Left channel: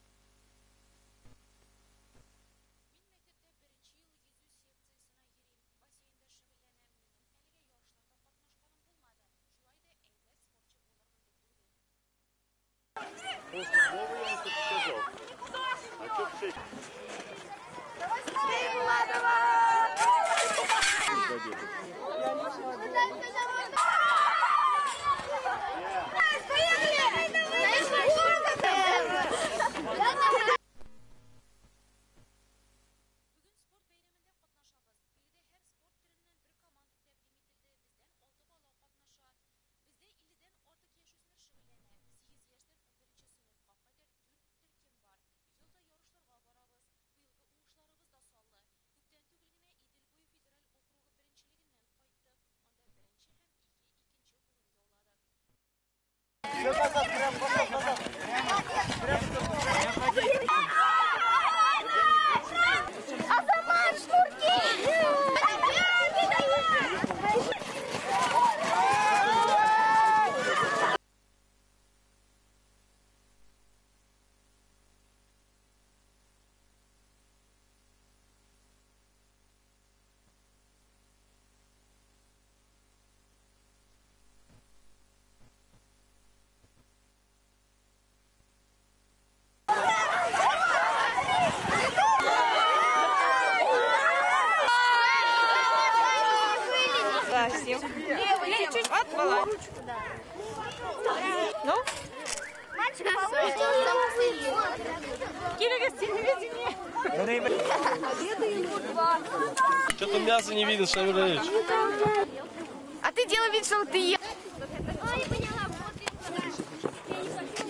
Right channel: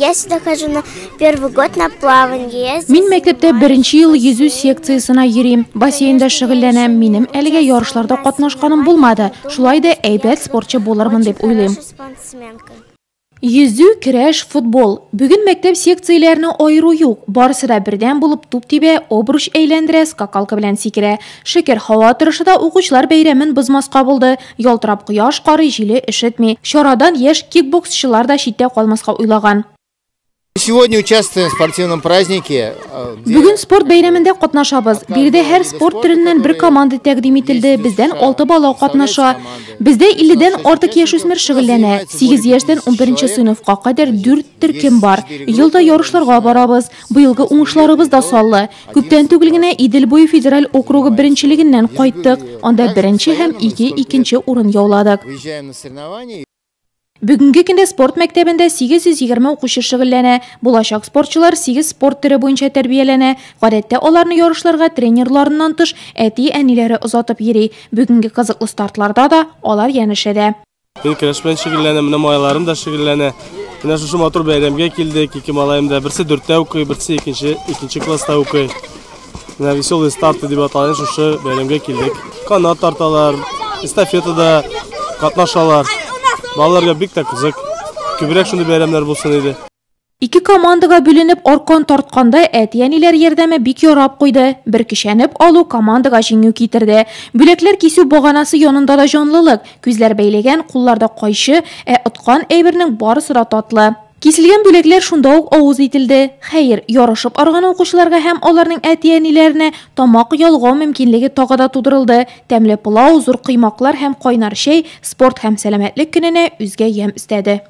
Я сюда хожу на первый год на плавание. Мин мәктәптә беренче ел йөзү секциясына йөрим. Бассейнда шөгыльләнәм. Минем әлегә ярышларда катнашканым булмады. Шулай да әйбәт спортчы булырмын дип уйлыйм. Йөзү, көрәш, футбол. Бүген мәктәп секцияләрне айыру юк. Барысы да бердән булып туп тибә, обруч әйләндерә, скакалка белән сикерә. Шөкер, һава торышында укучылар бәйрәмен бозмаска булды. Ялтырап кояш кары җиле ишетми. Чарадан яшь кикбоксчылар да читтә калмаска уйлаган. Сегодня участвуем в спортивном празднике. Бүген спорт бәйрәмендә катнашабыз. Биредә һәр спорт төреннән бер команда тәкъдим ителде. Бездән 6 бала катнаша. Бездә 50-дән артык яшүсмер шөгыльләнә. 8 яшьтән 11 сыйныфка кадәр 4 төркем бар. Елда ярышларга барабыз. Быелгы уңышларыбыз да саллы. Күптән түгел генә Идел буе федераль округы беренчелегеннән кайттык. Анда беренче һәм икенче урын яуладык. Бүгенге көндә спорт мәктәбендә 820 укучы шөгыльләнә. Булачак спортчылар 8 спорт төре буенча тәрбияләнә. Гадәттә аларны ярышларга тренерларыннан тыш әти-әниләре озатып йөри. Бүгенге кызыклы стартларда да алар янәшәдә. Мин көрәш белән шөгыльләнәм, менә малайларым да шөгыльләнә. Менә шушы матур бәйрәмгә килдек. Ике малаем да, берсе 4тә укый, берсе икенче класста укый. Менә веселый старт дип аталган шушы бәйрәмгә килдек. Канат тарталар, эстафетада катнашалар. Балаларга бик тә кызык. Күбрәк шундый бәйрәмнәр булсын иде. Ике командага бүленеп аркан тартканда әти-әниләр ярдәме бик ярап куйды. Бер кишәнеп алу командага җиңү китерде. Бүләкләр кисү баганасы янында да җанлылык. Күзләр бәйләгән, кулларда кайчы, откан әйбернең барысы да татлы. Киселгән бүләкләр шунда ук авыз ителде. Хәер, ярышып арган укучыларга һәм аларның әти-әниләренә тамак ялгау мөмкинлеге тагы да тудырылды. Тәмле пылау, зур кыймаклар һәм кайнар чәй спорт һәм сәламәтлек көненә үзгә ям истәде.